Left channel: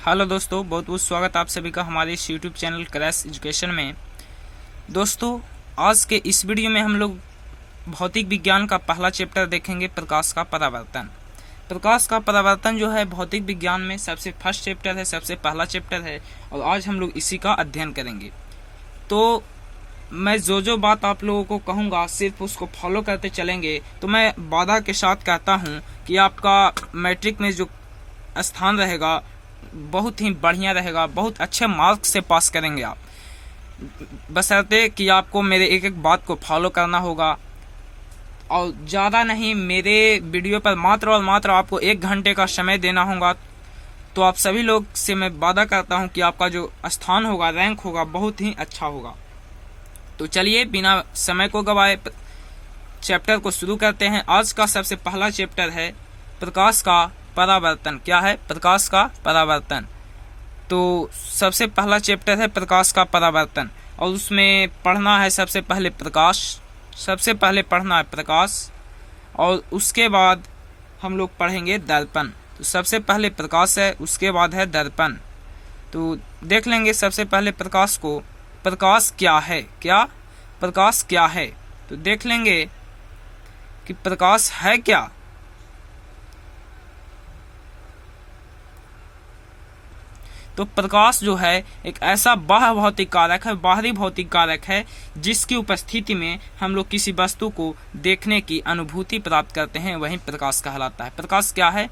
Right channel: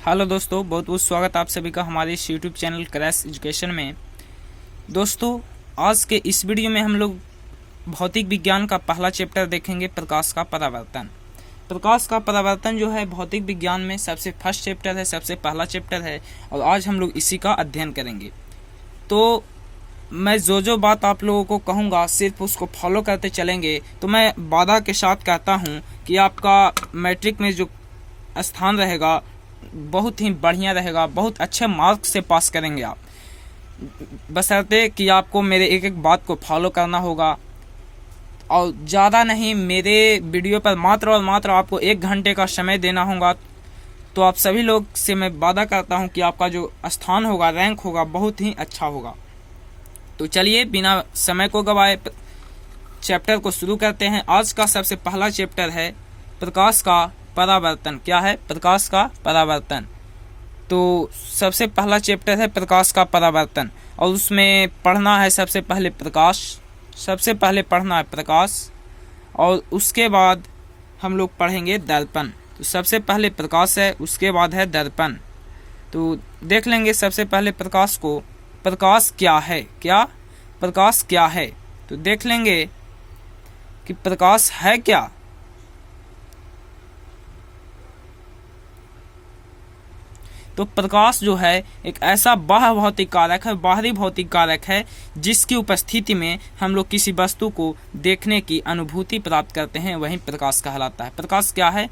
Hello दोस्तों, बहुत बहुत स्वागत आप सभी का हमारे इस यूट्यूब चैनल क्रैश एजुकेशन में। दोस्तों, आज के इस वीडियो में हम लोग भौतिक विज्ञान का पहला चैप्टर देखेंगे, प्रकाश का परावर्तन। प्रकाश का परावर्तन जो है भौतिक विज्ञान में सबसे फर्स्ट चैप्टर है, सबसे पहला चैप्टर है और आज हम लोग इसी का अध्ययन करेंगे। तो मैं जो बात आप लोगों को कहूँगा सिर्फ उसको फॉलो करते चलेंगे। तो मैं वादा के साथ कहता हूँ कि आपका मैट्रिक में जो स्थान रहेगा बहुत ही बढ़िया रहेगा, बहुत अच्छे मार्क्स से पास करेंगे आप, बशर्ते कि आपको मेरे एक एक बात को फॉलो करना होगा और ज़्यादा नहीं, मेरे वीडियो पर मात्र और मात्र आपको 1 घंटे का समय देना होगा। तो आप सभी लोग से मैं वादा करता हूं कि आपका जो स्थान होगा, रैंक होगा, बहुत ही अच्छा होगा। तो चलिए बिना समय को गवाए चैप्टर को शुरू करते हैं। आज का सबसे पहला चैप्टर है प्रकाश का परावर्तन। क्या है? प्रकाश का परावर्तन। तो सबसे पहला चैप्टर है प्रकाश का परावर्तन और उसमें पढ़ना है सबसे पहले प्रकाश, सबसे पहले पढ़ना है प्रकाश और उसके बाद हम लोग पढ़ेंगे दर्पण। तो सबसे पहले प्रकाश है, उसके बाद है दर्पण। तो देख लेंगे सबसे पहले प्रकाश को। प्रकाश क्या है? क्या प्रकाश क्या है? तो देख लेंगे कि प्रकाश है क्या। तो प्रकाश जो है एक ऐसा बाह्य भौतिक कारक है, बाहरी भौतिक कारक है, जिसकी उपस्थिति में हम लोग किसी वस्तु को देखने की अनुभूति प्राप्त करते हैं, वही प्रकाश कहलाता है। प्रकाश क्या है?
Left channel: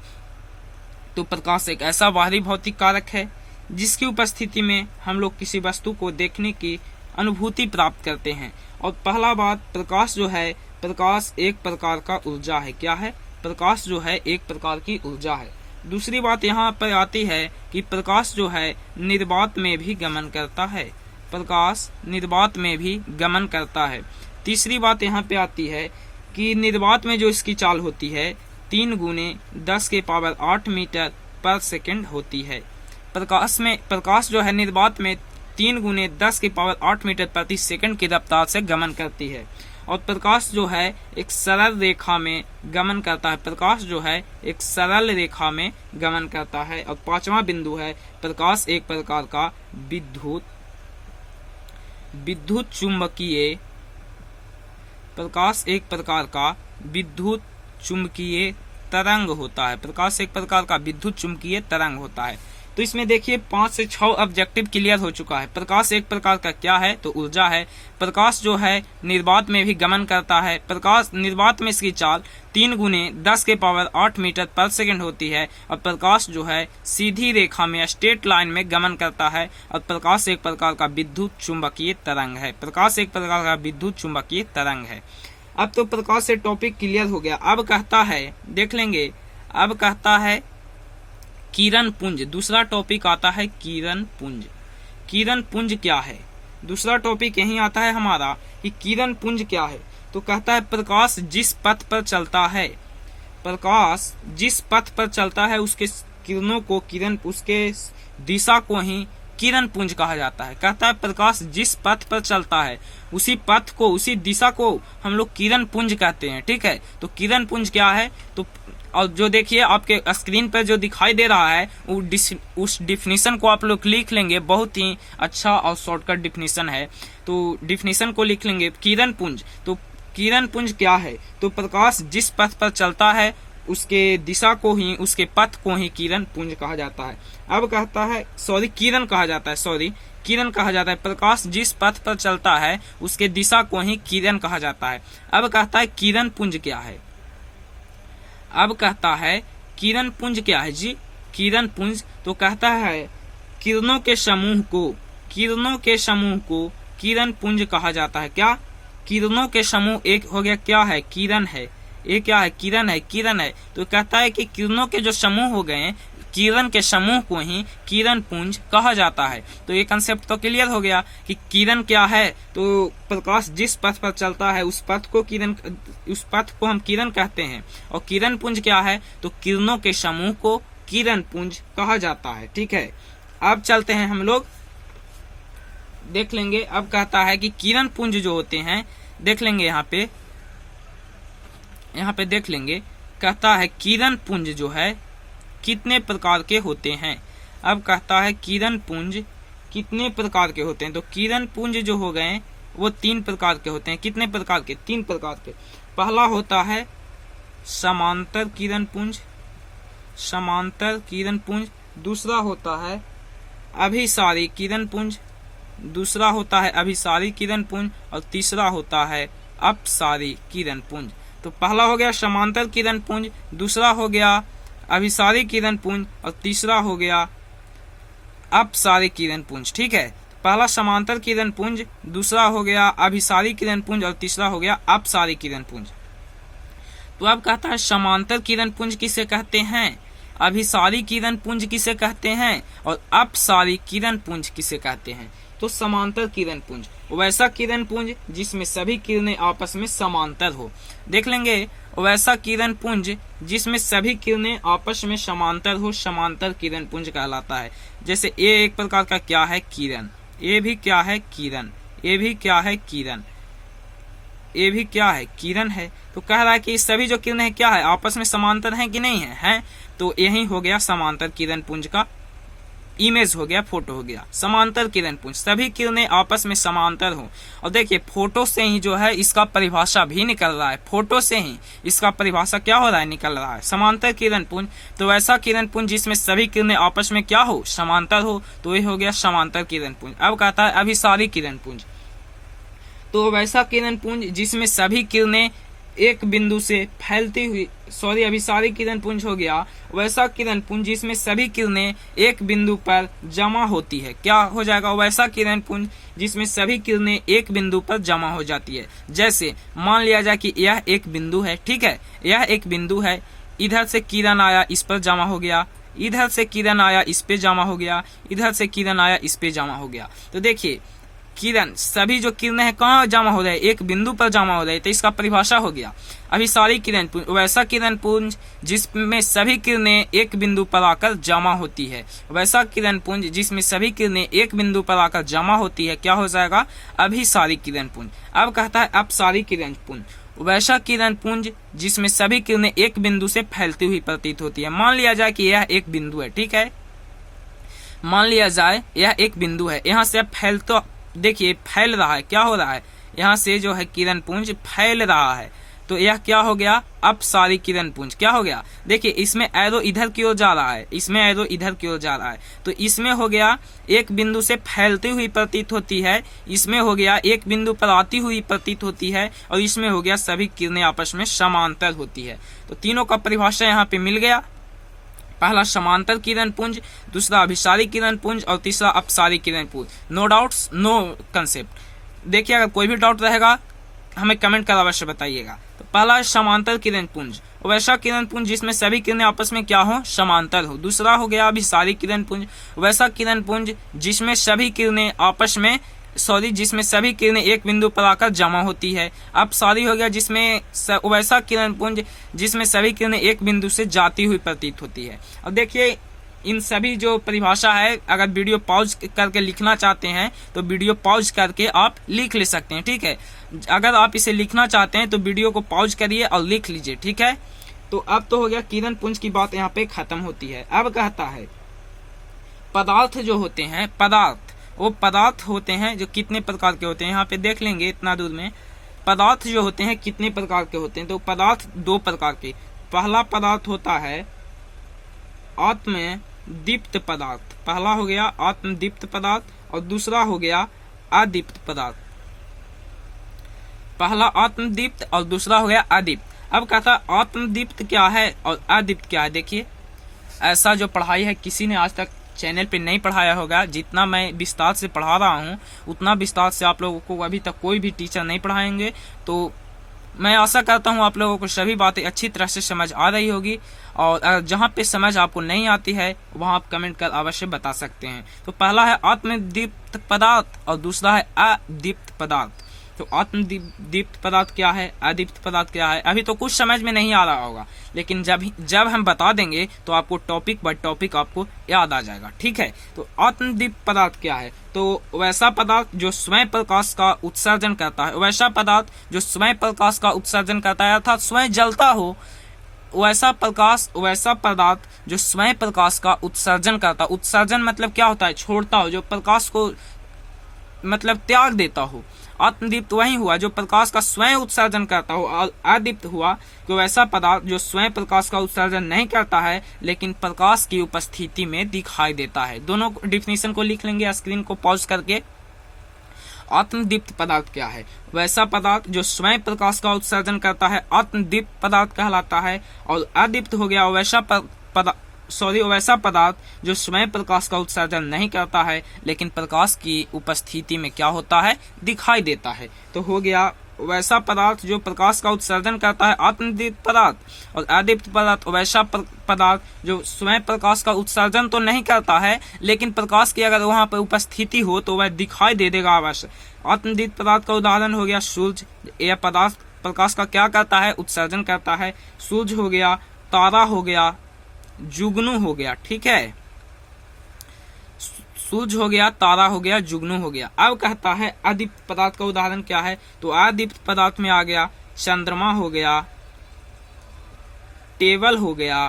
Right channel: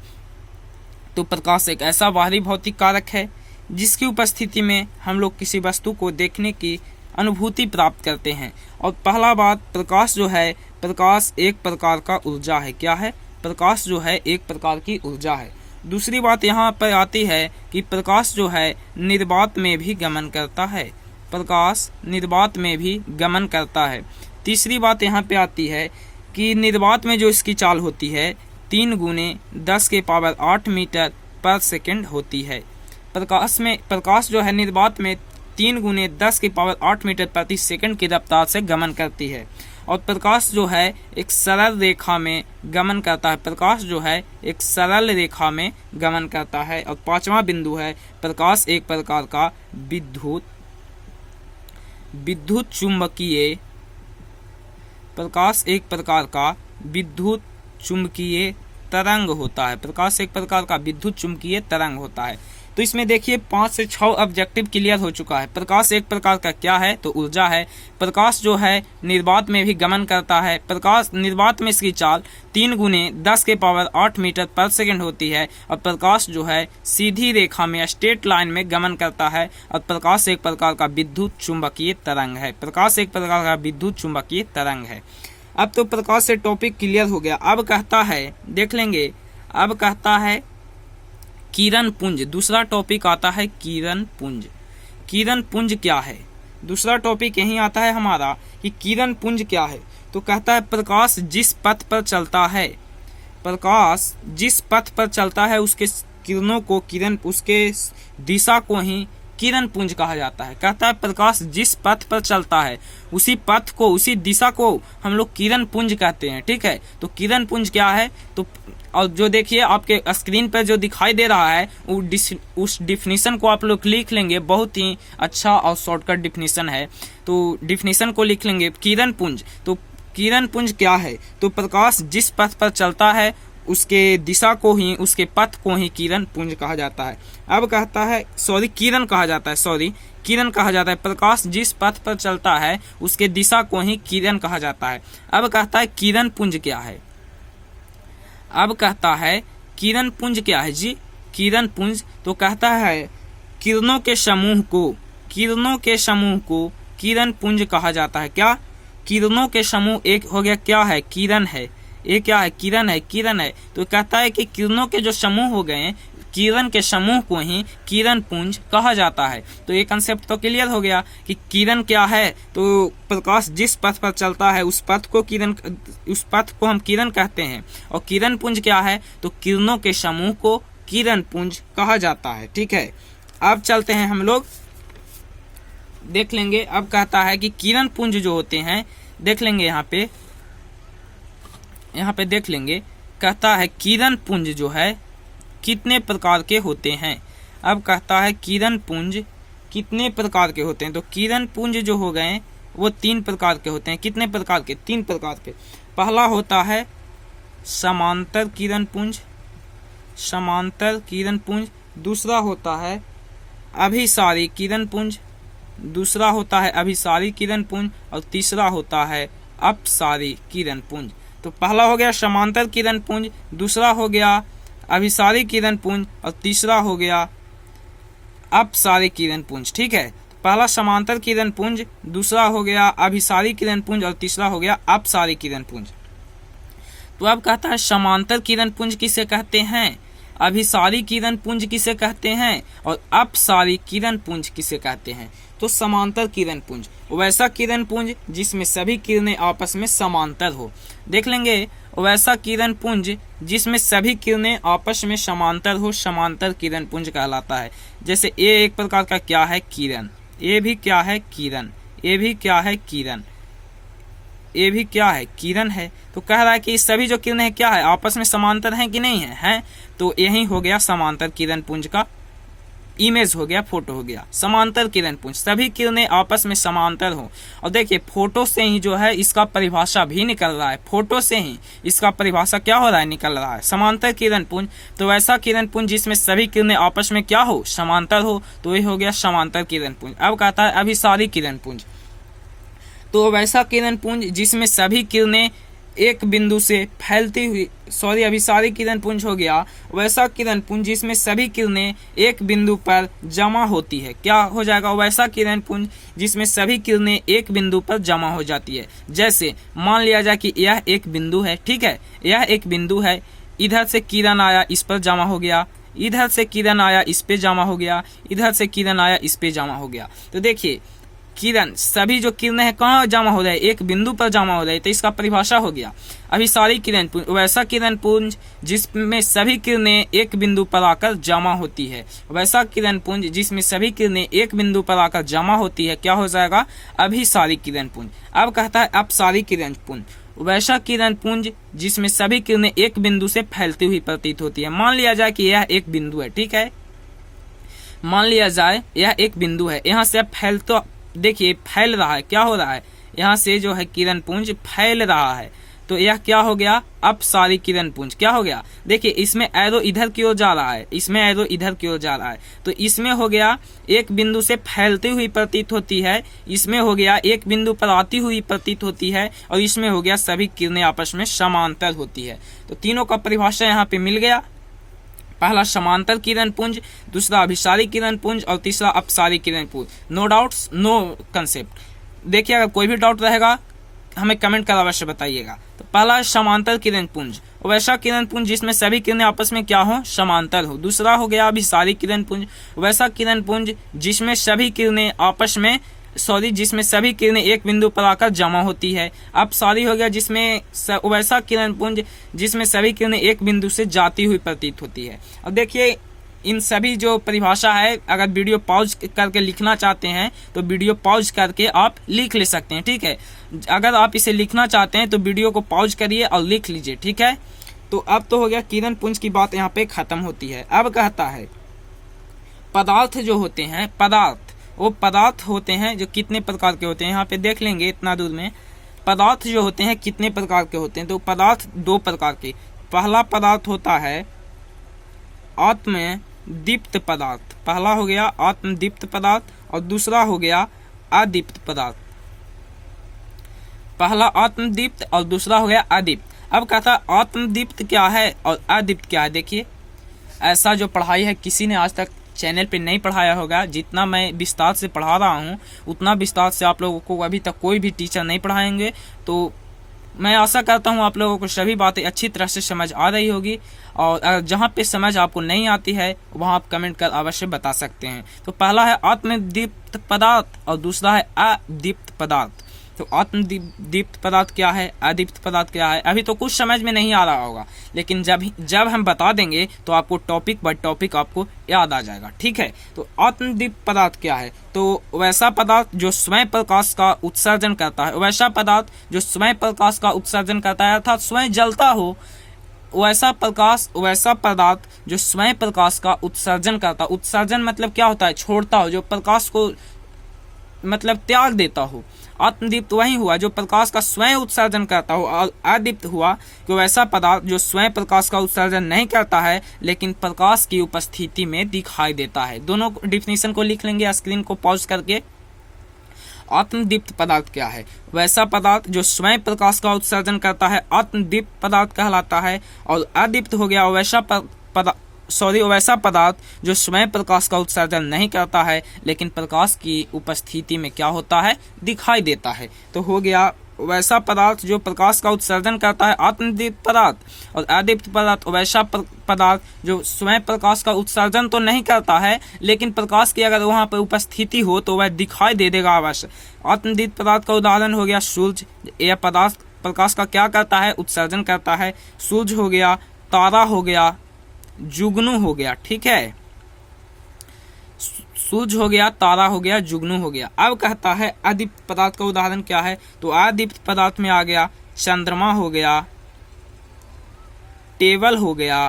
तो प्रकाश एक ऐसा बाहरी भौतिक कारक है जिसकी उपस्थिति में हम लोग किसी वस्तु को देखने की अनुभूति प्राप्त करते हैं। और पहला बात, प्रकाश जो है, प्रकाश एक प्रकार का ऊर्जा है। क्या है? प्रकाश जो है एक प्रकार की ऊर्जा है। दूसरी बात यहाँ पर आती है कि प्रकाश जो है निर्वात में भी गमन करता है। प्रकाश निर्वात में भी गमन करता है। तीसरी बात यहाँ पे आती है कि निर्वात में जो इसकी चाल होती है 3 गुने 10⁸ मीटर पर सेकंड होती है। प्रकाश जो है निर्वात में 3 गुने 10⁸ मीटर प्रति सेकंड की रफ्तार से गमन करती है। और प्रकाश जो है एक सरल रेखा में गमन करता है। प्रकाश जो है एक सरल रेखा में गमन करता है। और 5वां बिंदु है, प्रकाश एक प्रकार का विद्युत चुंबकीय, प्रकाश एक प्रकार का विद्युत चुंबकीय तरंग होता है। प्रकाश एक प्रकार का विद्युत चुंबकीय तरंग होता है। तो इसमें देखिए 5 से 6 ऑब्जेक्टिव क्लियर हो चुका है। प्रकाश एक प्रकार का क्या है? तो ऊर्जा है। प्रकाश जो है निर्वात में भी गमन करता है। प्रकाश निर्वात में इसकी चाल 3 गुने 10⁸ मीटर पर सेकंड होती है। और प्रकाश जो है सीधी रेखा में, स्ट्रेट लाइन में गमन करता है। और प्रकाश एक प्रकार का विद्युत चुंबकीय तरंग है। प्रकाश एक प्रकार का विद्युत चुंबकीय तरंग है। अब तो प्रकाश से टॉपिक क्लियर हो गया। अब कहता है, देख लेंगे, अब कहता है किरण पुंज। दूसरा टॉपिक आता है किरण पुंज। किरण पुंज क्या है? दूसरा टॉपिक यही आता है हमारा कि किरण पुंज क्या है। तो कहता है प्रकाश जिस पथ पर चलता है, प्रकाश जिस पथ पर चलता है उसके किरणों को, किरण उसके दिशा को ही किरण पुंज कहा जाता है। कहता है प्रकाश जिस पथ पर चलता है उसी पथ को, उसी दिशा को हम लोग किरण पुंज कहते हैं। ठीक है, तो किरण पुंज क्या है? तो और जो देखिए आपके स्क्रीन पर जो दिखाई दे रहा है उस डिफिनीशन को आप लोग लिख लेंगे। बहुत ही अच्छा और शॉर्टकट डिफिनीशन है। तो डिफिनीशन को लिख लेंगे, किरण पुंज। तो किरण पुंज क्या है? तो प्रकाश जिस पथ पर चलता है उसके दिशा को ही, उसके पथ को ही किरण पुंज कहा जाता है। अब कहता है किरण कहा जाता है, किरण कहा जाता है। प्रकाश जिस पथ पर चलता है उसके दिशा को ही किरण कहा जाता है। अब कहता है किरण पुंज क्या है? अब कहता है किरण पुंज क्या है जी? किरण पुंज तो कहता है किरणों के समूह को, किरणों के समूह को किरण पुंज कहा जाता है। क्या? किरणों के समूह एक हो गया, क्या है? किरण है। ये क्या है? किरण है, किरण है। तो कहता है कि किरणों के जो समूह हो गए, किरण के समूह को ही किरण पुंज कहा जाता है। तो ये कंसेप्ट तो क्लियर हो गया कि किरण क्या है। तो प्रकाश जिस पथ पर चलता है उस पथ को हम किरण कहते हैं। और किरण पुंज क्या है? तो किरणों के समूह को किरण पुंज कहा जाता है। ठीक है, अब चलते हैं हम लोग, देख लेंगे। अब कहता है कि किरण पुंज जो होते हैं, देख लेंगे यहाँ पे देख लेंगे। कहता है किरण पुंज जो है कितने प्रकार के होते हैं। अब कहता है किरण पुंज कितने प्रकार के होते हैं। तो किरण पुंज जो हो गए वो 3 प्रकार के होते हैं। कितने प्रकार के? 3 प्रकार के। पहला होता है समांतर किरण पुंज, समांतर किरण पुंज। दूसरा होता है अभिसारी किरण पुंज, दूसरा होता है अभिसारी किरण पुंज, और तीसरा होता है अपसारी किरण पुंज। तो पहला हो गया समांतर किरण पुंज, दूसरा हो गया अभिसारी किरण पुंज, और तीसरा हो गया अपसारी किरण पुंज। ठीक है, पहला समांतर किरण पुंज, दूसरा हो गया अभिसारी किरण पुंज, और तीसरा हो गया अपसारी किरण पुंज। तो अब कहता है समांतर किरण पुंज किसे कहते हैं, अभिसारी किरण पुंज किसे कहते हैं, और अपसारी किरण पुंज किसे कहते हैं। तो समांतर किरण पुंज वैसा किरण पुंज जिसमें सभी किरणें आपस में समांतर हो। देख लेंगे, वैसा किरण पुंज जिसमें सभी किरणें आपस में समांतर हो, समांतर किरण पुंज कहलाता है। जैसे ए एक प्रकार का क्या है, किरण। ए भी क्या है, किरण। ए भी क्या है, किरण। ए भी क्या है, किरण है। तो कह रहा है कि सभी जो किरणें हैं क्या है, आपस में समांतर हैं कि नहीं है, हैं। तो यही हो गया समांतर किरण पुंज का इमेज हो गया, फोटो हो गया। समांतर किरण पुंज सभी किरणें आपस में समांतर हो। और देखिए फोटो से ही जो है इसका परिभाषा भी निकल रहा है, फोटो से ही इसका परिभाषा क्या हो रहा है, निकल रहा है। समांतर किरण पुंज तो वैसा किरण पुंज जिसमें सभी किरणें आपस में क्या हो, समांतर हो। तो ये हो गया समांतर किरण पुंज। अब कहता है अभिसारी किरण पुंज, तो वैसा किरण पुंज जिसमें सभी किरणें एक बिंदु से फैलती हुई, अभिसारी किरण पुंज हो गया वैसा किरण पुंज जिसमें सभी किरणें एक बिंदु पर जमा होती है। क्या हो जाएगा, वैसा किरण पुंज जिसमें सभी किरणें एक बिंदु पर जमा हो जाती है। जैसे मान लिया जाए कि यह एक बिंदु है, ठीक है, यह एक बिंदु है, इधर से किरण आया इस पर जमा हो गया, इधर से किरण आया इस पे जमा हो गया, इधर से किरण आया इस पे जमा हो गया। तो देखिए किरण, सभी जो किरणें हैं कहाँ जमा हो रहे हैं, एक बिंदु पर जमा हो रहे हैं। तो इसका परिभाषा हो गया अभिसारी किरण पुंज वैसा किरण पुंज जिसमें सभी किरणें एक बिंदु पर आकर जमा होती है। वैसा किरण पुंज जिसमें सभी किरणें एक बिंदु पर आकर जमा होती है, क्या हो जाएगा, अभिसारी किरण पुंज। अब कहता है अपसारी किरण पुंज, वैसा किरण पुंज जिसमें सभी किरणें एक बिंदु से फैलती हुई प्रतीत होती है। मान लिया जाए कि यह एक बिंदु है, ठीक है, मान लिया जाए यह एक बिंदु है, यहाँ से देखिए फैल रहा है, क्या हो रहा है, यहाँ से जो है किरण पुंज फैल रहा है। तो यह क्या हो गया, अपसारी किरण पुंज। क्या हो गया, देखिए इसमें एरो इधर की ओर जा रहा है, इसमें एरो इधर की ओर जा रहा है। तो इसमें हो गया एक बिंदु से फैलती हुई प्रतीत होती है, इसमें हो गया एक बिंदु पर आती हुई प्रतीत होती है, और इसमें हो गया सभी किरणें आपस में समांतर होती है। तो तीनों का परिभाषा यहाँ पे मिल गया। पहला समांतर किरण पुंज, दूसरा अभिसारी किरण पुंज, और तीसरा अपसारी किरण पुंज। No doubts, no concept. देखिए अगर कोई भी डाउट रहेगा हमें कमेंट कर अवश्य बताइएगा। तो पहला है समांतर किरण पुंज, वैसा किरण पुंज जिसमें सभी किरणें आपस में क्या हो, समांतर हो। दूसरा हो गया अभिसारी किरण पुंज, वैसा किरण पुंज जिसमें सभी किरणें आपस में जिसमें सभी किरणें एक बिंदु पर आकर जमा होती है। अपसारी हो गया जिसमें वैसा किरण पुंज जिसमें सभी किरणें एक बिंदु से जाती हुई प्रतीत होती है। अब देखिए इन सभी जो परिभाषा है, अगर वीडियो पॉज करके लिखना चाहते हैं तो वीडियो पॉज करके आप लिख ले सकते हैं, ठीक है। अगर आप इसे लिखना चाहते हैं तो वीडियो को पॉज करिए और लिख लीजिए, ठीक है। तो अब तो हो गया किरण पुंज की बात यहाँ पे खत्म होती है। अब कहता है पदार्थ जो होते हैं, वो पदार्थ होते हैं जो कितने प्रकार के होते हैं, यहाँ पे देख लेंगे इतना दूर में। पदार्थ जो होते हैं कितने प्रकार के होते हैं, तो पदार्थ 2 प्रकार के। पहला पदार्थ होता है आत्मदीप्त पदार्थ, पहला हो गया आत्मदीप्त पदार्थ, और दूसरा हो गया अदीप्त पदार्थ। पहला आत्मदीप्त और दूसरा हो गया अदीप्त। अब कहता है आत्मदीप्त क्या है और अदीप्त क्या है। देखिए ऐसा जो पढ़ाई है किसी ने आज तक चैनल पे नहीं पढ़ाया होगा। जितना मैं विस्तार से पढ़ा रहा हूँ उतना विस्तार से आप लोगों को अभी तक कोई भी टीचर नहीं पढ़ाएंगे। तो मैं आशा करता हूँ आप लोगों को सभी बातें अच्छी तरह से समझ आ रही होगी, और जहाँ पे समझ आपको नहीं आती है वहाँ आप कमेंट कर अवश्य बता सकते हैं। तो पहला है आत्मदीप्त पदार्थ और दूसरा है अदीप्त पदार्थ। तो आत्मदीप्त पदार्थ क्या है, अदीप्त पदार्थ क्या है, अभी तो कुछ समझ में नहीं आ रहा होगा, लेकिन जब हम बता देंगे तो आपको टॉपिक बाय टॉपिक आपको याद आ जाएगा, ठीक है। तो आत्मदीप्त पदार्थ क्या है, तो वैसा पदार्थ जो स्वयं प्रकाश का उत्सर्जन करता है, वैसा पदार्थ जो स्वयं प्रकाश का उत्सर्जन करता है अर्थात स्वयं जलता हो, वैसा प्रकाश, वैसा पदार्थ जो स्वयं प्रकाश का उत्सर्जन करता। उत्सर्जन मतलब क्या होता है? छोड़ता हो, जो प्रकाश को मतलब त्याग देता हो। आत्मदीप्त वही हुआ जो प्रकाश का स्वयं उत्सर्जन करता हो, और अदीप्त हुआ कि वैसा पदार्थ जो स्वयं प्रकाश का उत्सर्जन नहीं करता है लेकिन प्रकाश की उपस्थिति में दिखाई देता है। दोनों डिफिनीशन को लिख लेंगे स्क्रीन को पॉज करके। आत्मदीप्त पदार्थ क्या है? वैसा पदार्थ जो स्वयं प्रकाश का उत्सर्जन करता है आत्मदीप्त पदार्थ कहलाता है। और अदीप्त हो गया वैसा पदार्थ जो स्वयं प्रकाश का उत्सर्जन नहीं करता है लेकिन प्रकाश की उपस्थिति में क्या होता है? दिखाई देता है। तो हो गया वैसा पदार्थ जो प्रकाश का उत्सर्जन करता है आत्मदीप्त पदार्थ, और अदीप्त पदार्थ वैसा पदार्थ जो स्वयं प्रकाश का उत्सर्जन तो नहीं करता है लेकिन प्रकाश की अगर वहां पर उपस्थिति हो तो वह दिखाई दे देगा अवश्य। आत्मदीप्त पदार्थ का उदाहरण हो गया सूर्य। यह पदार्थ प्रकाश का क्या करता है? उत्सर्जन करता है। सूर्य हो गया, तारा हो गया, जुगनू हो गया। ठीक है, सूर्य हो गया, तारा हो गया, जुगनू हो गया। अब कहता है अदीप्त पदार्थ का उदाहरण क्या है? तो अदीप्त पदार्थ में आ गया चंद्रमा हो गया, टेबल हो गया,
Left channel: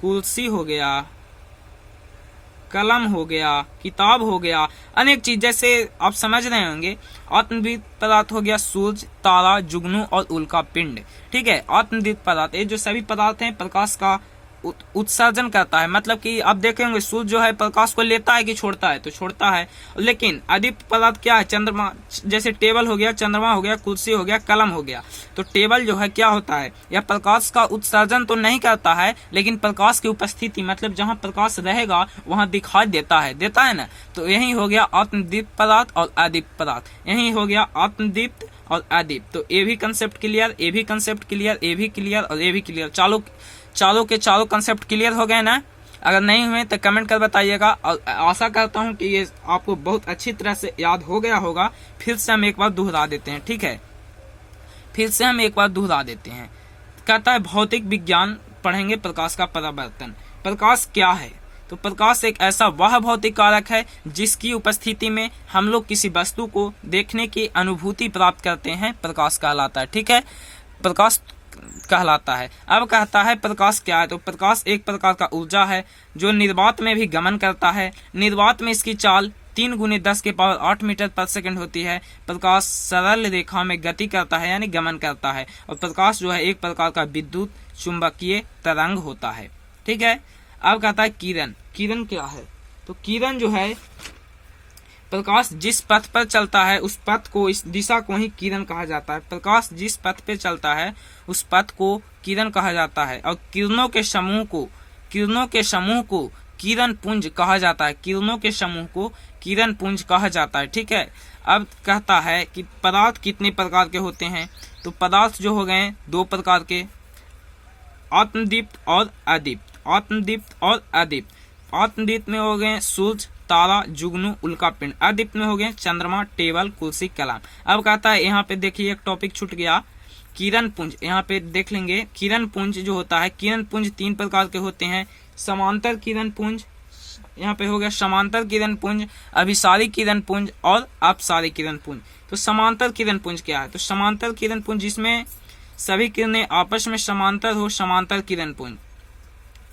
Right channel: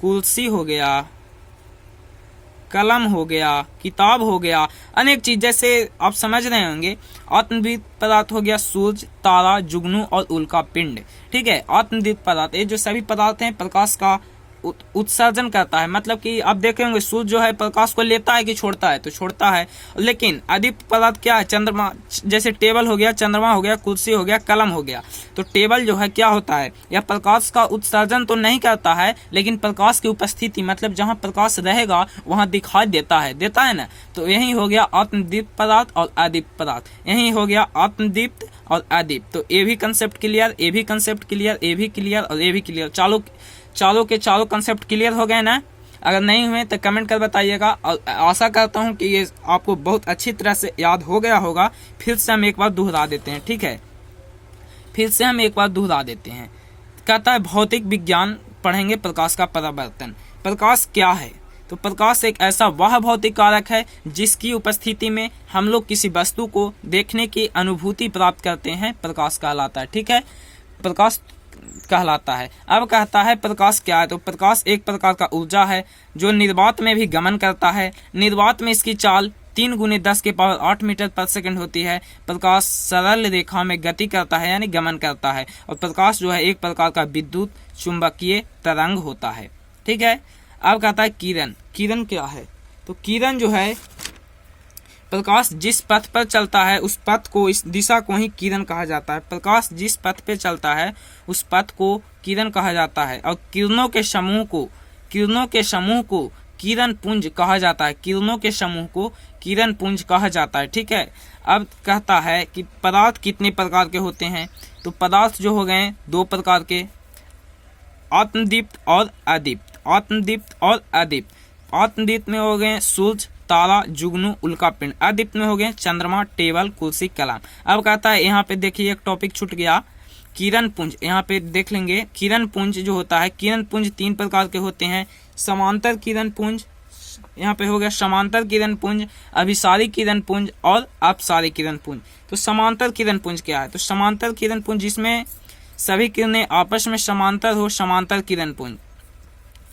कुर्सी हो गया, कलम हो गया, किताब हो गया, अनेक चीज जैसे आप समझ रहे होंगे। आत्मदीप्त पदार्थ हो गया सूरज, तारा, जुगनू और उल्का पिंड। ठीक है, आत्मदीप्त पदार्थ ये जो सभी पदार्थ हैं प्रकाश का उत्सर्जन करता है। मतलब कि आप देखेंगे सूर्य जो है प्रकाश को लेता है कि छोड़ता है? तो छोड़ता है। लेकिन अदीप्त पदार्थ क्या है? चंद्रमा, जैसे टेबल हो गया, चंद्रमा हो गया, कुर्सी हो गया, कलम हो गया। तो टेबल जो है क्या होता है? यह प्रकाश का उत्सर्जन तो नहीं करता है लेकिन प्रकाश की उपस्थिति मतलब जहाँ प्रकाश रहेगा वहाँ दिखाई देता है ना। तो यही हो गया आत्मदीप्त पदार्थ और अदीप्त पदार्थ। यही हो गया आत्मदीप्त और अदीप्त। तो ये भी कंसेप्ट क्लियर, ये भी कंसेप्ट क्लियर, ये भी क्लियर और ये भी क्लियर। चारों के चारों कंसेप्ट क्लियर हो गए ना? अगर नहीं हुए तो कमेंट कर बताइएगा। और आशा करता हूं कि ये आपको बहुत अच्छी तरह से याद हो गया होगा। फिर से हम एक बार दोहरा देते हैं। ठीक है, फिर से हम एक बार दोहरा देते हैं। कहता है भौतिक विज्ञान पढ़ेंगे प्रकाश का परावर्तन। प्रकाश क्या है? तो प्रकाश एक ऐसा वह भौतिक कारक है जिसकी उपस्थिति में हम लोग किसी वस्तु को देखने की अनुभूति प्राप्त करते हैं, प्रकाश कहलाता है। ठीक है, प्रकाश कहलाता है। अब कहता है प्रकाश क्या है? तो प्रकाश एक प्रकार का ऊर्जा है जो निर्वात में भी गमन करता है। निर्वात में इसकी चाल 3 × 10⁸ मीटर पर सेकंड होती है। प्रकाश सरल रेखा में गति करता है यानी गमन करता है। और प्रकाश जो है एक प्रकार का विद्युत चुंबकीय तरंग होता है। ठीक है, अब कहता है किरण। किरण क्या है? तो किरण जो है प्रकाश जिस पथ पर चलता है उस पथ को, इस दिशा को ही किरण कहा जाता है। प्रकाश जिस पथ पे चलता है उस पथ को किरण कहा जाता है। और किरणों के समूह को किरण पुंज कहा जाता है। किरणों के समूह को किरण पुंज कहा जाता है। ठीक है, अब कहता है कि पदार्थ कितने प्रकार के होते हैं? तो पदार्थ जो हो गए 2 प्रकार के, आत्मदीप्त और अदीप्त। आत्मदीप्त और अदीप्त। आत्मदीप्त में हो गए सूर्य, तारा, जुगनू, उल्का पिंड। अदीप्त में हो गए चंद्रमा, टेबल, कुर्सी, कलम। अब कहता है यहाँ पे देखिए एक टॉपिक छूट गया, किरण पुंज। यहाँ पे देख लेंगे किरण पुंज जो होता है, किरण पुंज 3 प्रकार के होते हैं। समांतर किरण पुंज, यहाँ पे हो गया समांतर किरण पुंज, अभिसारी किरण पुंज और अपसारी किरण पुंज। तो समांतर किरण पुंज क्या है? तो समांतर किरण पुंज जिसमें सभी किरणें आपस में समांतर हो, समांतर किरण पुंज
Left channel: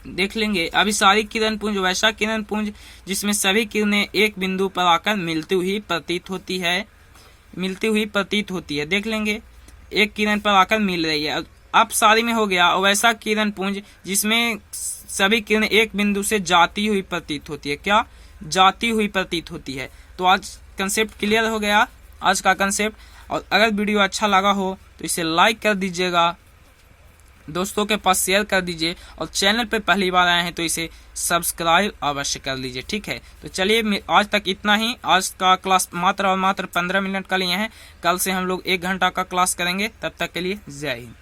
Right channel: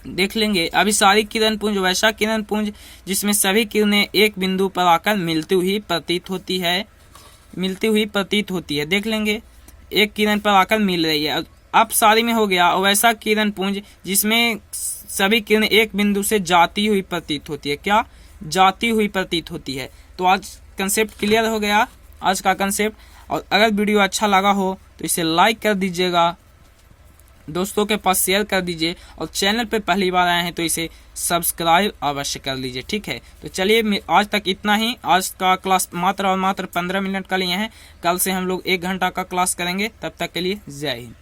देख लेंगे। अभिसारी किरण पुंज वैसा किरण पुंज जिसमें सभी किरणें एक बिंदु पर आकर मिलती हुई प्रतीत होती है। देख लेंगे, एक किरण पर आकर मिल रही है। अपसारी में हो गया वैसा किरण पुंज जिसमें सभी किरणें एक बिंदु से जाती हुई प्रतीत होती है। क्या? जाती हुई प्रतीत होती है। तो आज कंसेप्ट क्लियर हो गया, आज का कंसेप्ट। और अगर वीडियो अच्छा लगा हो तो इसे लाइक कर दीजिएगा, दोस्तों के पास शेयर कर दीजिए, और चैनल पे पहली बार आए हैं तो इसे सब्सक्राइब अवश्य कर लीजिए। ठीक है, तो चलिए आज तक इतना ही। आज का क्लास मात्र और मात्र 15 मिनट का लिए हैं। कल से हम लोग 1 घंटा का क्लास करेंगे। तब तक के लिए जय हिंद।